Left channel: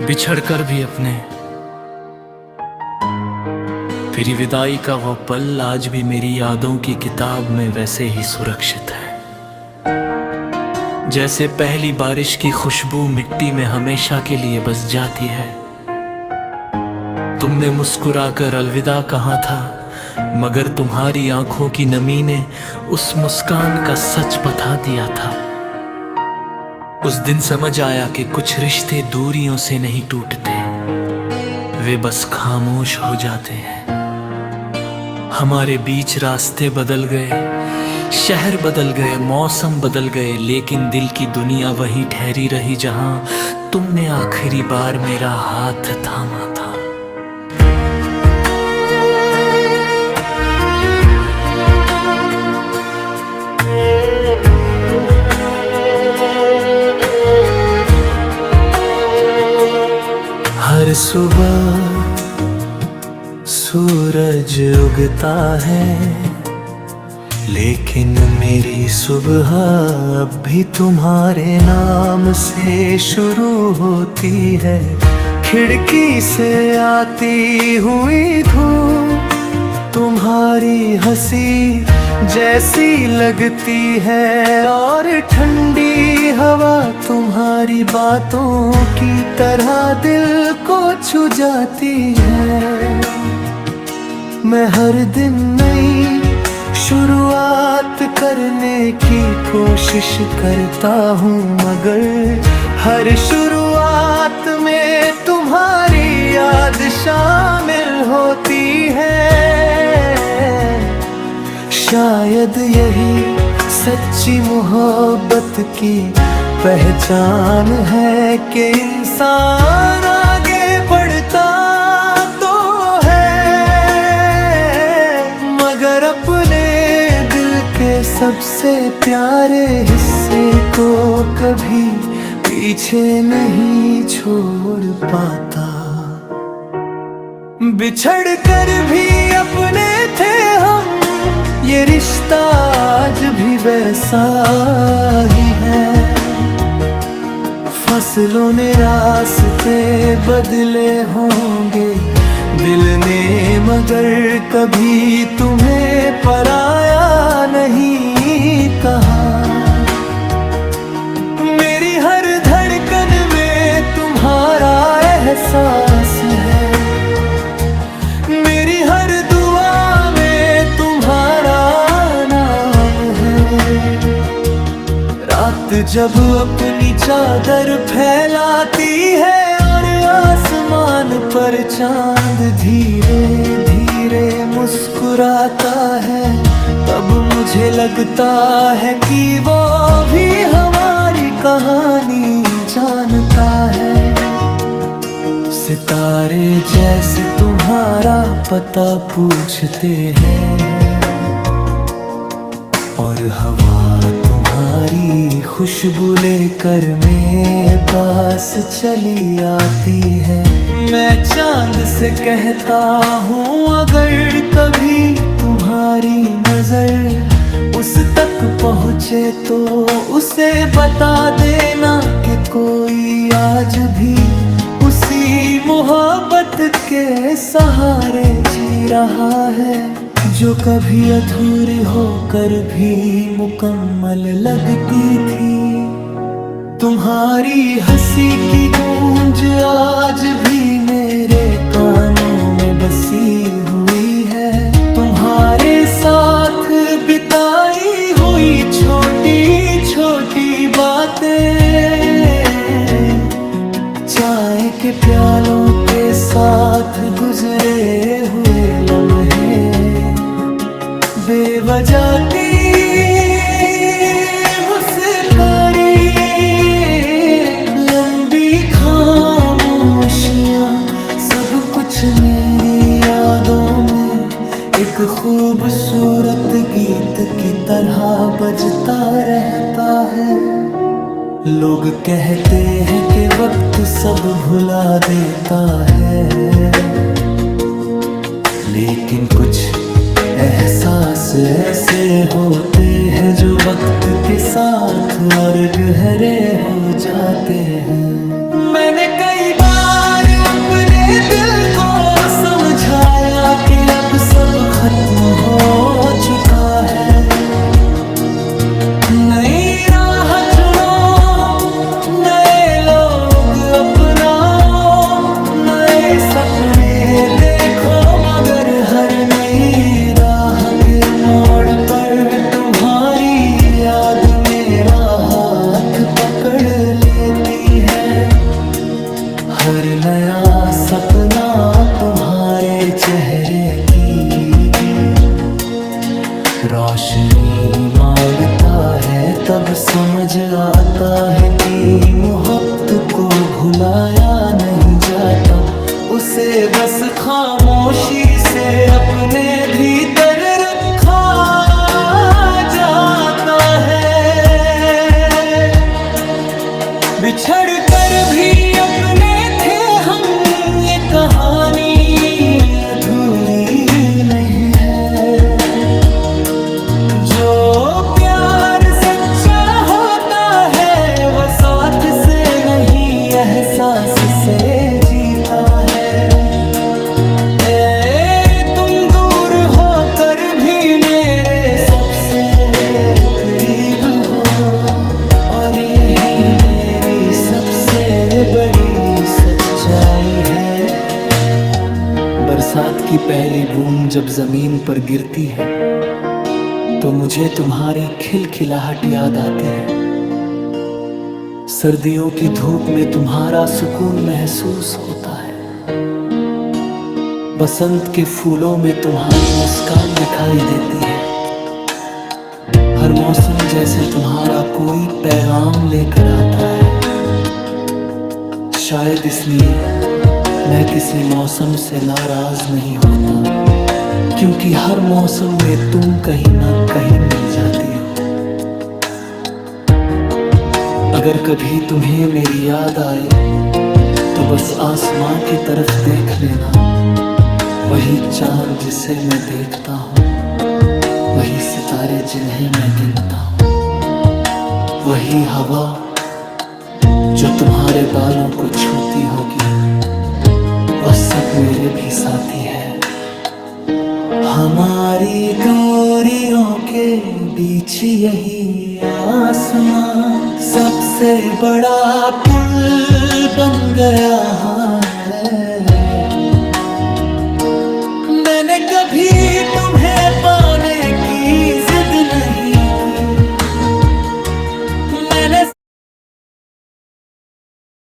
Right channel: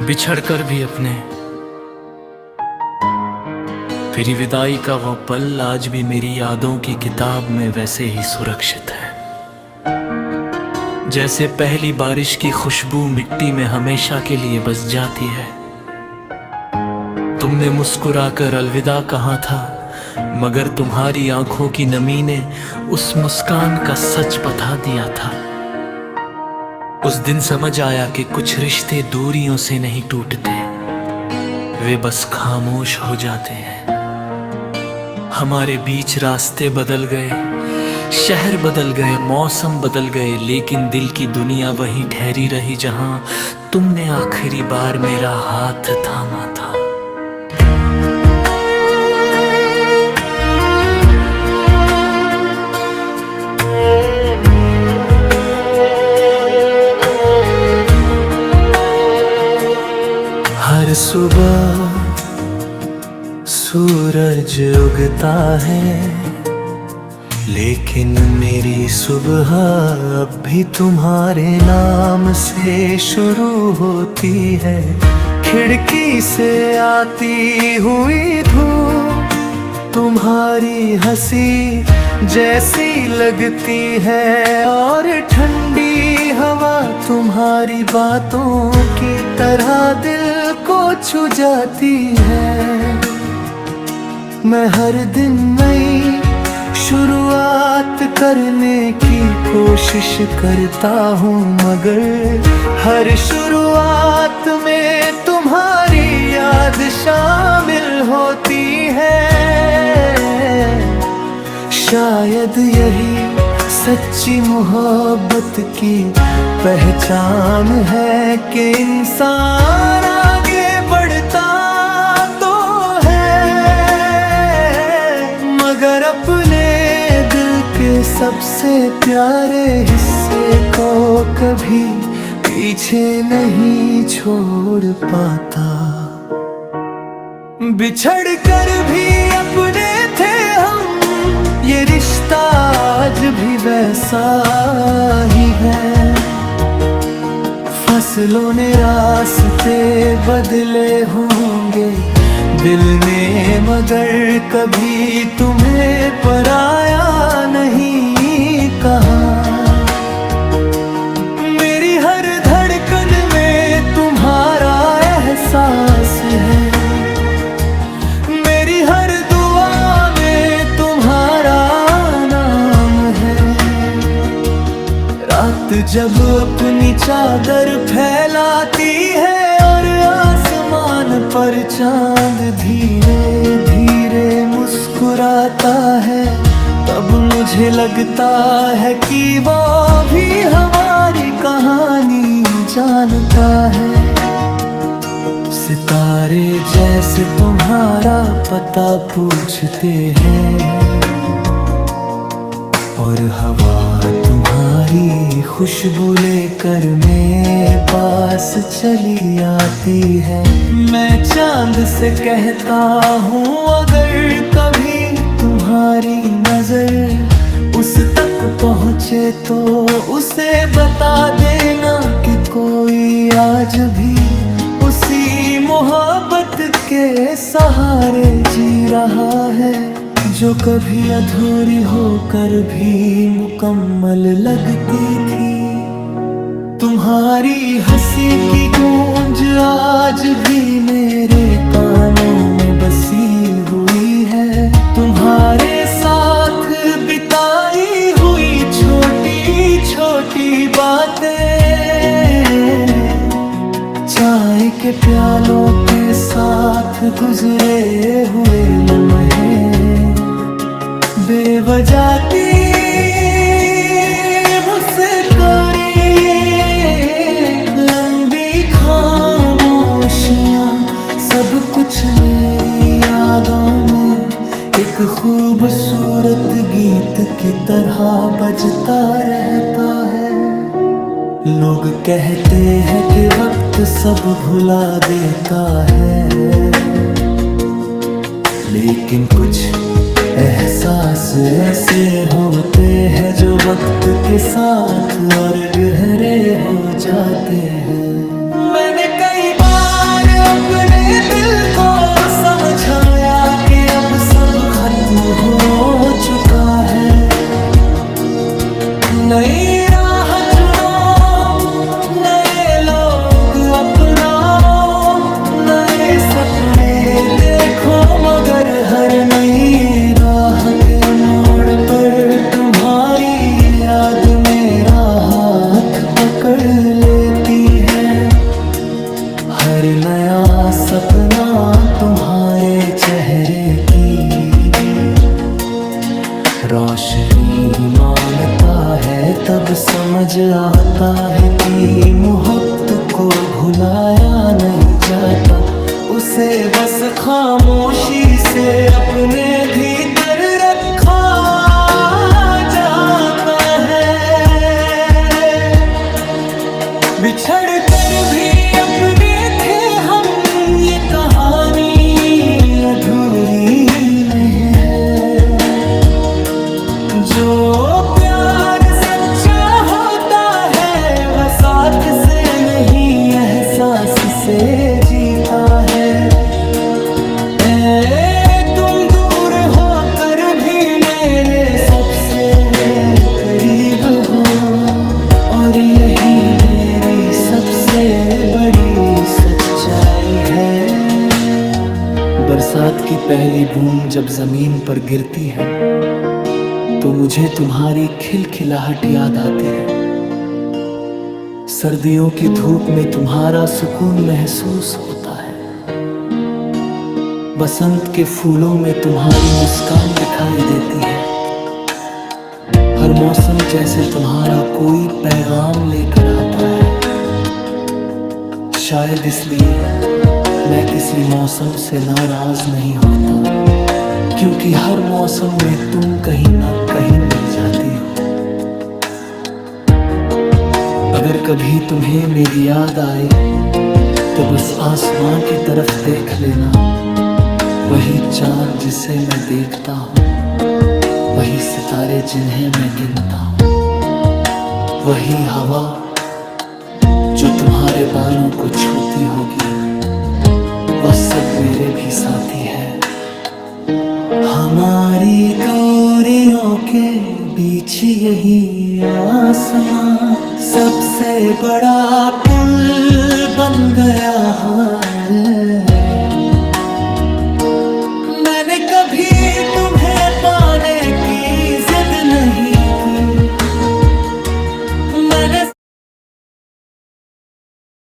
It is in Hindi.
बिछड़कर भी अपने फिर विदाई का वो पल आज भी मेरी यादों की किताब में वैसे ही सुरक्षित है, जैसे पहली बारिश की खुशबू मिट्टी में हमेशा के लिए बस जाती है। तुमने मुस्कुराकर अलविदा कहा था, मगर तुम्हारी आंखों की नमी ने उस मुस्कान का सच बता दिया था। उस दिन समझ आया कि कुछ रिश्ते दूरियों से नहीं टूटते, वे बस खामोश हो जाते हैं। हमारे बीच रास्ते बदल गए, शहर बदल गए, मौसम बदल गए, लेकिन दिल की दुनिया वही ठहरी रही जहां तुमने आखिरी बार मेरा हाथ थामा था। हर सुबह सूरज उगता है, लेकिन मेरी सुबह अब भी तुम्हारे नाम से शुरू होती है। खिड़की से आती हुई धूप तुम्हारी हंसी जैसी लगती है, और ठंडी हवा तुम्हारी बातों की तरह दिल को छू जाती है। मैं हर दिन नई शुरुआत करने की कोशिश करता हूँ, मगर हर शुरुआत में तुम्हारी याद शामिल होती है। शायद यही सच्ची मोहब्बत की पहचान है कि इंसान आगे बढ़ता तो है, मगर अपने दिल के सबसे प्यारे हिस्से को कभी पीछे नहीं छोड़ पाता। बिछड़ कर भी अपने थे हम, ये रिश्ता आज भी वैसा ही है। फसलों ने रास्ते बदले होंगे दिल ने, मगर कभी तुम्हें पराया नहीं कहा। मेरी हर धड़कन में तुम्हारा एहसास है, मेरी हर दुआ में तुम्हारा नाम है। रात जब अपनी चादर फैलाती है और आसमान पर चांद धीरे धीरे मुस्कुराता है, तब मुझे लगता है कि वो भी हमारी कहानी जानता है। सितारे जैसे तुम्हारा पता पूछते हैं, और हवा तुम्हारी खुशबू लेकर मेरे पास चली आती है। मैं चांद से कहता हूँ, अगर कभी तुम्हारी नजर उस तक पहुँचे तो उसे बता देना कि कोई आज भी उसी मोहब्बत के सहारे जी रहा है, जो कभी अधूरी होकर भी मुकम्मल लगती थी। तुम्हारी हंसी की गूंज आज भी मेरे कानों में बसी हुई है। तुम्हारे साथ बिताई हुई छोटी छोटी बातें, चाय के प्यालों के साथ गुजरे हुए लम्हे, बेवजह की मुझसे करी लंबी खामोशियां, सब कुछ मेरी यादों में एक खूबसूरत गीत की तरह बजता रहता है। लोग कहते हैं कि वक्त सब भुला देता है, लेकिन कुछ एहसास ऐसे होते हैं जो वक्त के साथ और गहरे हो जाते हैं। मैंने कई बार अपने दिल को समझाया कि अब सब खत्म हो चुका है। नई राह चुनो, नए लोग अपनाओ, नए सपने देखो, मगर हर नई राह के मोड़ पर तुम्हारी याद मेरा हाथ पकड़ लेती है। हर नया सपना तुम्हारे चेहरे की रोशनी मांगता है। तब समझ आता है कि मोहब्बत को भुलाया नहीं जाता, उसे बस खामोशी से अपने भीतर रखा जाता है। बिछड़ कर भी अपने थे हम, ये कहानी अधूरी नहीं है। जो प्यार सच्चा होता है वह साथ से नहीं एहसास से जीता है। तुम दूर होकर भी मेरे सबसे करीब हो, और यही मेरी सबसे बड़ी सच्चाई है। बरसात की पहली बूंद जब जमीन पर गिरती है तो मुझे तुम्हारी खिलखिलाहट याद आती है। सर्दियों की धूप में तुम्हारा सुकून महसूस होता है। बसंत के फूलों में तुम्हारी मुस्कान दिखाई देती है। हर मौसम जैसे तुम्हारा कोई पैगाम लेकर आता है। शायद इसलिए मैं किसी मौसम से नाराज नहीं होता, क्योंकि हर मौसम में तुम कहीं ना कहीं मिल जाती हो। अगर कभी तुम्हें मेरी याद आए तो बस आसमां की तरफ देख लेना। वही चांद जिसे मैं देखता हूँ, वही सितारे जिन्हें मैं गिनता हूँ, वही हवा जो तुम्हारे बालों को छूती होगी, वह सब मेरे भी साथी है। हमारी दूरियों के बीच यही आसमां सबसे बड़ा पुल बन गया है। मैंने कभी तुम्हें पाने की जिद नहीं